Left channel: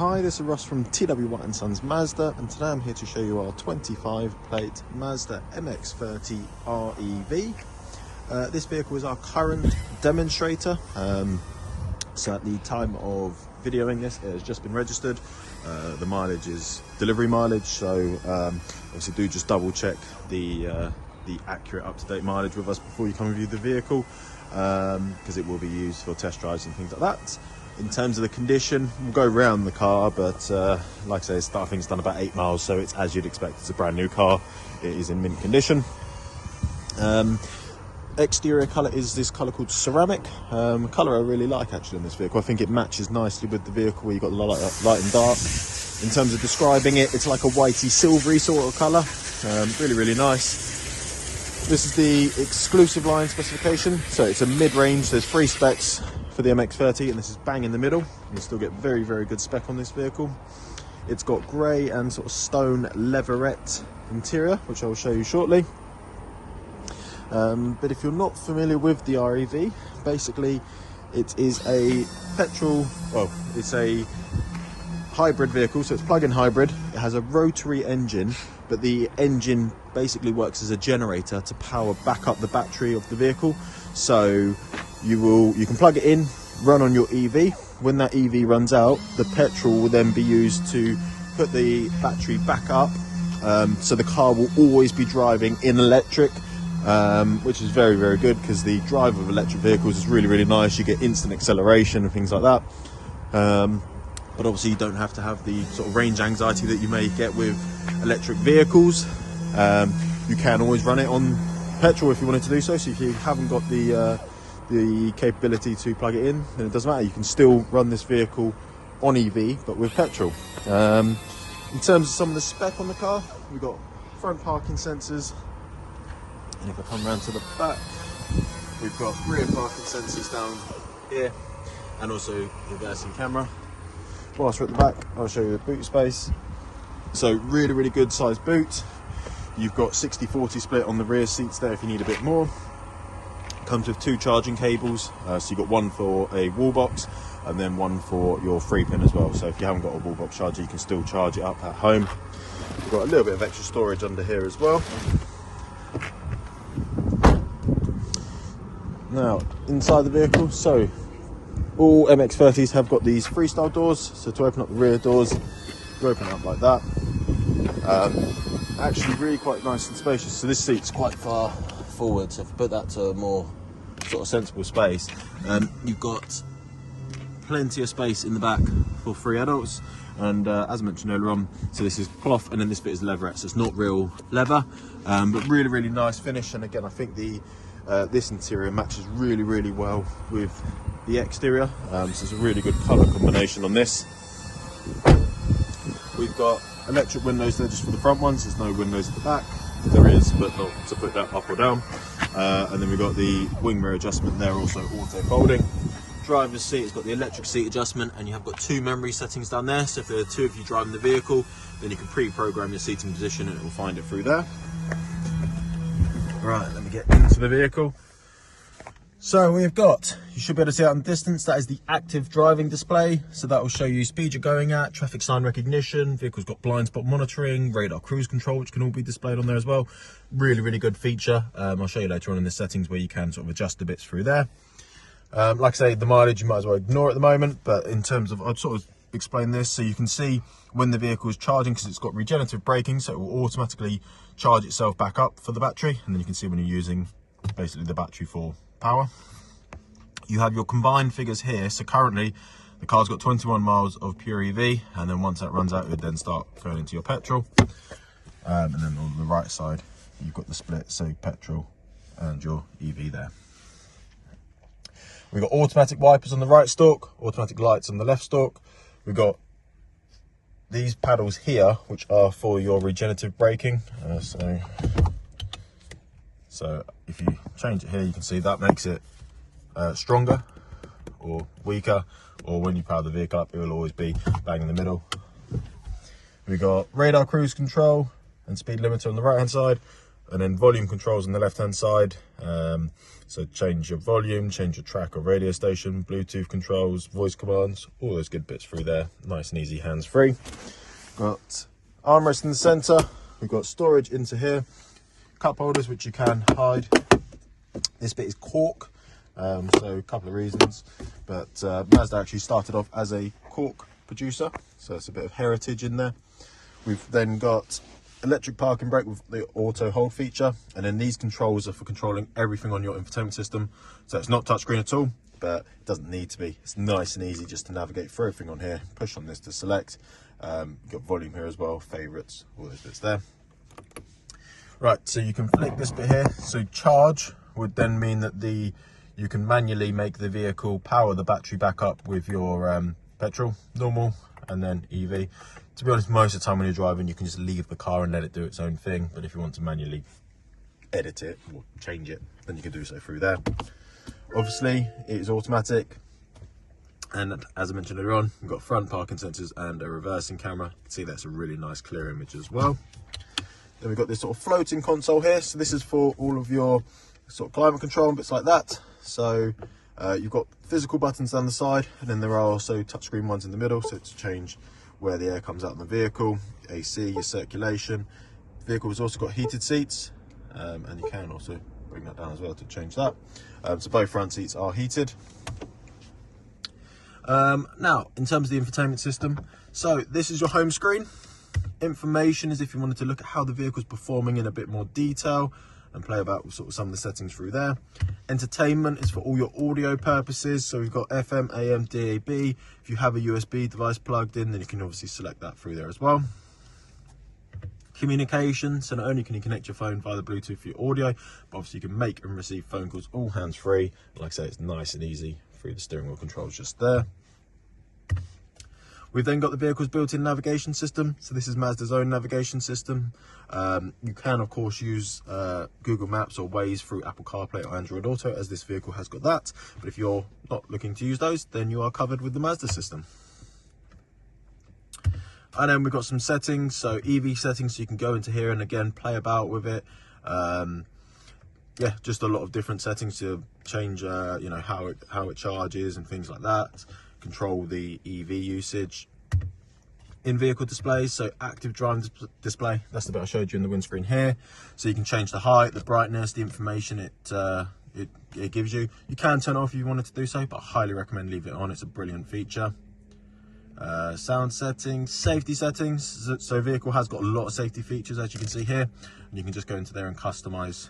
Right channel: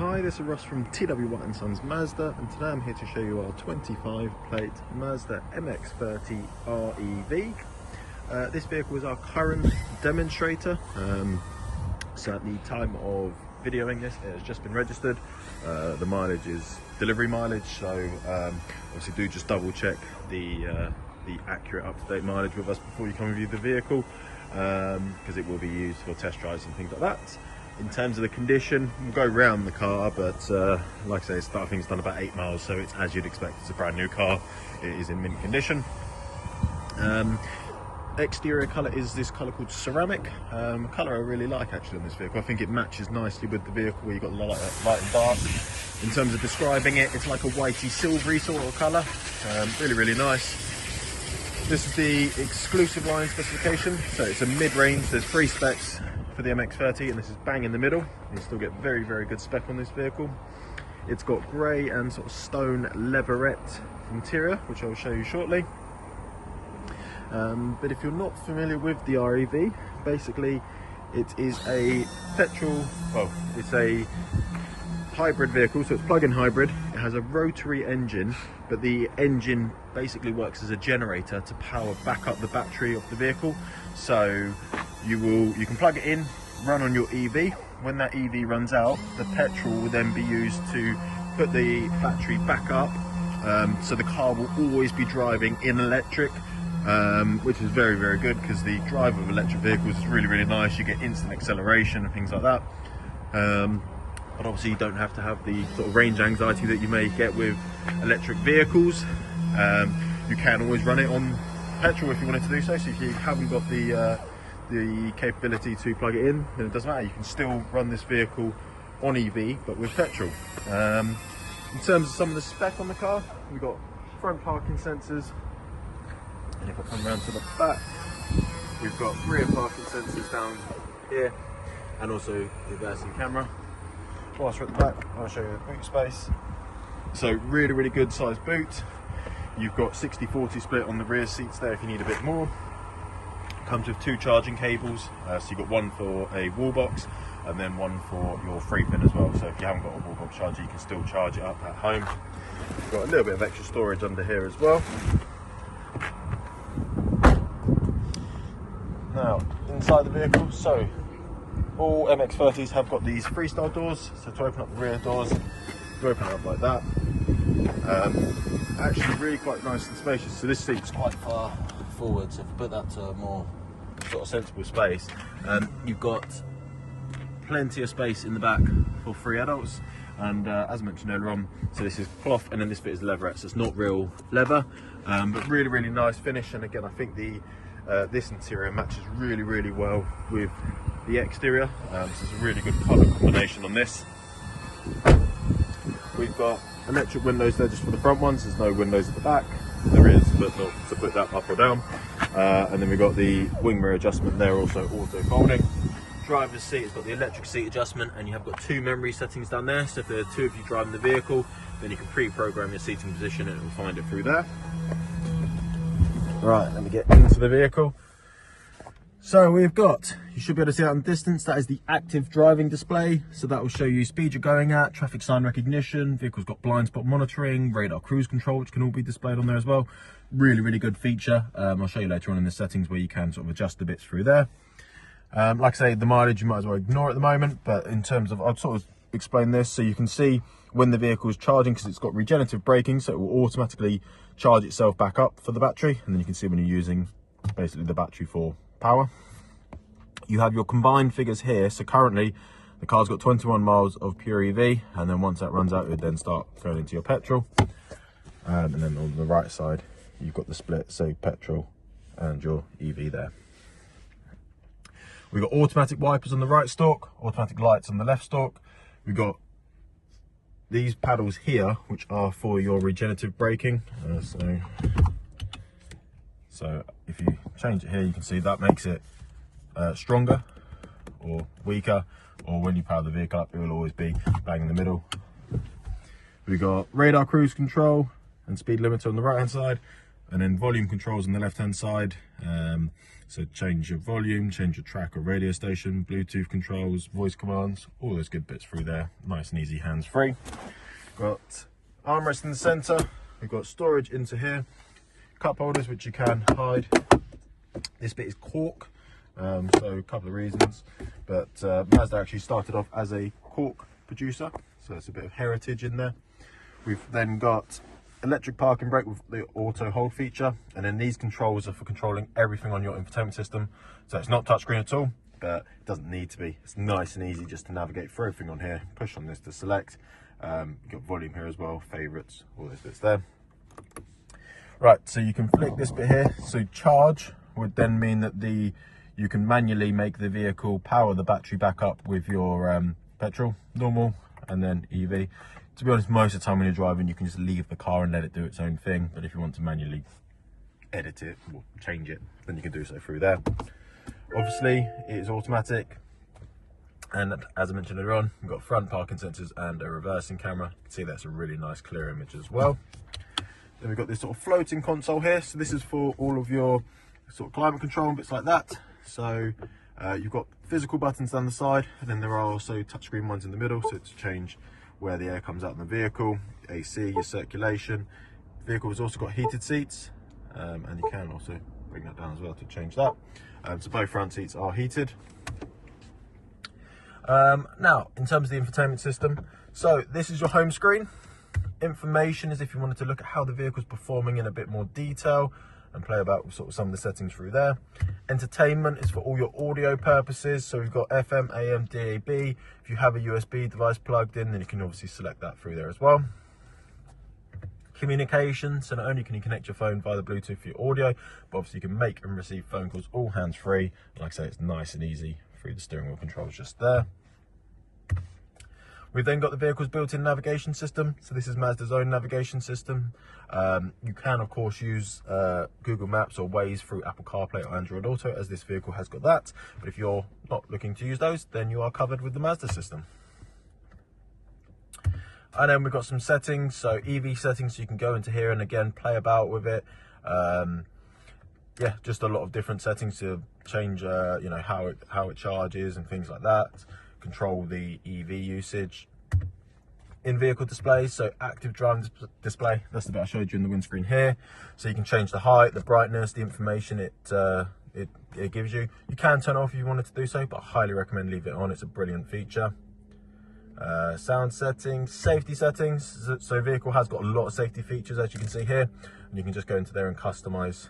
Hi, this is Ross from TW White & Sons Mazda, and today I'm here to show you our 25 plate Mazda MX-30 REV. This vehicle is our current demonstrator, so at the time of videoing this it has just been registered. The mileage is delivery mileage, so obviously do just double check the accurate up-to-date mileage with us before you come and view the vehicle, because it will be used for test drives and things like that. In terms of the condition, we'll go around the car, but like I say, I think it's done about 8 miles, so it's as you'd expect. It's a brand new car. It is in mint condition. Exterior colour is this colour called ceramic. Colour I really like actually on this vehicle. I think it matches nicely with the vehicle where you've got the light and dark. In terms of describing it, it's like a whitey silvery sort of colour. Really nice. This is the exclusive line specification, so it's a mid-range. There's 3 specs for the MX-30, and this is bang in the middle. You still get very good spec on this vehicle. It's got grey and sort of stone leatherette interior, which I will show you shortly. But if you're not familiar with the REV, basically it is a it's a hybrid vehicle, so it's plug-in hybrid. It has a rotary engine, but the engine basically works as a generator to power back up the battery of the vehicle. So you can plug it in, run on your EV. When that EV runs out, the petrol will then be used to put the battery back up, so the car will always be driving in electric, which is very good, because the drive of electric vehicles is really nice. You get instant acceleration and things like that, but obviously you don't have to have the sort of range anxiety that you may get with electric vehicles. You can always run it on petrol if you wanted to do so. So if you haven't got the capability to plug it in, then it doesn't matter. You can still run this vehicle on EV but with petrol. In terms of some of the spec on the car, we've got front parking sensors, and if I come around to the back, we've got rear parking sensors down here, and also reversing camera. Whilst we're at the back, I'll show you the boot space. So really good sized boot. You've got 60-40 split on the rear seats there if you need a bit more. Comes with 2 charging cables, so you've got one for a wall box and then one for your 3-pin as well. So if you haven't got a wall box charger, you can still charge it up at home. You've got a little bit of extra storage under here as well. Now, inside the vehicle, so all MX-30s have got these freestyle doors, so to open up the rear doors, you open it up like that. Actually really quite nice and spacious, so this seat's quite far forward, so if you put that to a more sort of sensible space, you've got plenty of space in the back for 3 adults. And as I mentioned earlier on, so this is cloth, and then this bit is leatherette, so it's not real leather, but really nice finish. And again, I think the this interior matches really well with the exterior, so it's a really good colour combination on this. We've got electric windows there just for the front ones. There's no windows at the back. There is, but not to put that up or down. And then we've got the wing mirror adjustment there, also auto folding. Driver's seat has got the electric seat adjustment, and you have got 2 memory settings down there. So if there are 2 of you driving the vehicle, then you can pre-program your seating position and it will find it through there. Right, let me get into the vehicle. So we've got, you should be able to see out in the distance, that is the active driving display. So that will show you speed you're going at, traffic sign recognition, vehicle's got blind spot monitoring, radar cruise control, which can all be displayed on there as well. Really good feature. I'll show you later on in the settings where you can sort of adjust the bits through there. Like I say, the mileage you might as well ignore at the moment, but in terms of, I'll sort of explain this so you can see when the vehicle is charging, because it's got regenerative braking, so it will automatically charge itself back up for the battery, and then you can see when you're using basically the battery for power. You have your combined figures here. So currently the car's got 21 miles of pure EV, and then once that runs out, it would then start going into your petrol. And then on the right side, you've got the split, so petrol and your EV there. We've got automatic wipers on the right stalk, automatic lights on the left stalk. We've got these paddles here, which are for your regenerative braking. So if you change it here, you can see that makes it stronger or weaker, or when you power the vehicle up, it will always be bang in the middle. We've got radar cruise control and speed limiter on the right hand side, and then volume controls on the left hand side. So change your volume, change your track or radio station, Bluetooth controls, voice commands, all those good bits through there. Nice and easy, hands-free. Got armrest in the center. We've got storage into here, cup holders which you can hide. This bit is cork, so a couple of reasons, but Mazda actually started off as a cork producer, so it's a bit of heritage in there. We've then got electric parking brake with the auto hold feature, and then these controls are for controlling everything on your infotainment system. So it's not touchscreen at all, but it doesn't need to be. It's nice and easy just to navigate through everything on here. Push on this to select. You've got volume here as well, favorites, all those bits there. Right, so you can flick this bit here. So charge would then mean that you can manually make the vehicle power the battery back up with your petrol, normal, and then EV. To be honest, most of the time when you're driving, you can just leave the car and let it do its own thing. But if you want to manually edit it or change it, then you can do so through there. Obviously, it is automatic. And as I mentioned earlier on, we've got front parking sensors and a reversing camera. You can see that's a really nice clear image as well. Then we've got this sort of floating console here. So this is for all of your sort of climate control and bits like that. So you've got physical buttons down the side, and then there are also touchscreen ones in the middle. So to change where the air comes out in the vehicle, AC, your circulation. The vehicle has also got heated seats, and you can also bring that down as well to change that. So both front seats are heated. Now, in terms of the infotainment system, so this is your home screen. Information is if you wanted to look at how the vehicle's performing in a bit more detail and play about with sort of some of the settings through there. Entertainment is for all your audio purposes. So we've got FM, AM, DAB. If you have a USB device plugged in, then you can obviously select that through there as well. Communication, so not only can you connect your phone via the Bluetooth for your audio, but obviously you can make and receive phone calls all hands-free. Like I say, it's nice and easy through the steering wheel controls just there. We've then got the vehicle's built-in navigation system. So this is Mazda's own navigation system. You can, of course, use Google Maps or Waze through Apple CarPlay or Android Auto, as this vehicle has got that. But if you're not looking to use those, then you are covered with the Mazda system. And then we've got some settings, so EV settings, so you can go into here and again play about with it. Yeah, just a lot of different settings to change, you know, how it charges and things like that. Control the EV usage. In-vehicle displays, so active driving display, that's the bit I showed you in the windscreen here. So you can change the height, the brightness, the information it gives you. You can turn it off if you wanted to do so, but I highly recommend leave it on. It's a brilliant feature. Sound settings, safety settings. So vehicle has got a lot of safety features, as you can see here, and you can just go into there and customize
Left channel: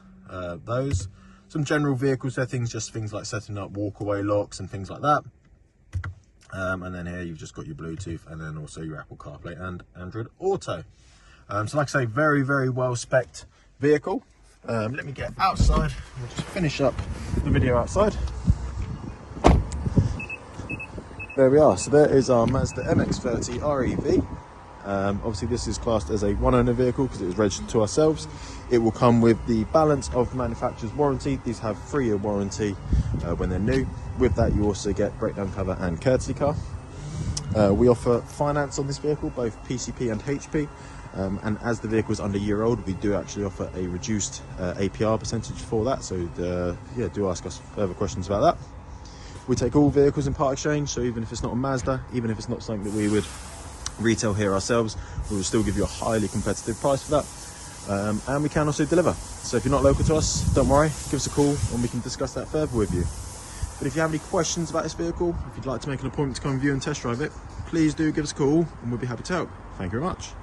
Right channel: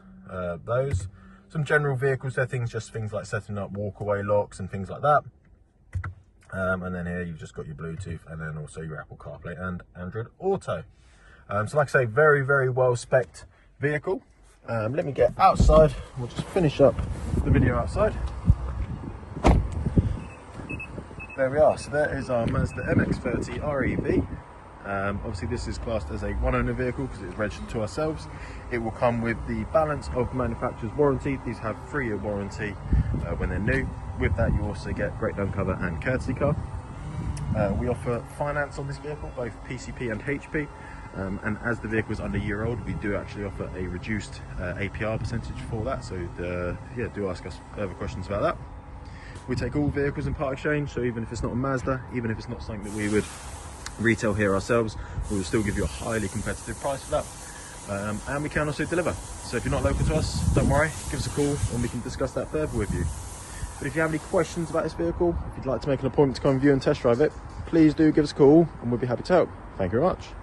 those. Some general vehicle settings, just things like setting up walkaway locks and things like that. And then here you've just got your Bluetooth and then also your Apple CarPlay and Android Auto. So like I say, very, very well spec'd vehicle. Let me get outside. We'll just finish up the video outside. There we are. So there is our Mazda MX-30 REV. Obviously this is classed as a one-owner vehicle because it was registered to ourselves. It will come with the balance of manufacturer's warranty. These have 3-year warranty when they're new. With that you also get breakdown cover and courtesy car. We offer finance on this vehicle, both PCP and HP. And as the vehicle is under a year old, we do actually offer a reduced APR percentage for that. So yeah, do ask us further questions about that. We take all vehicles in part exchange, so even if it's not a Mazda, even if it's not something that we would retail here ourselves, we will still give you a highly competitive price for that. And we can also deliver. So if you're not local to us, don't worry, give us a call and we can discuss that further with you. But if you have any questions about this vehicle, if you'd like to make an appointment to come view and test drive it, please do give us a call and we'll be happy to help. Thank you very much.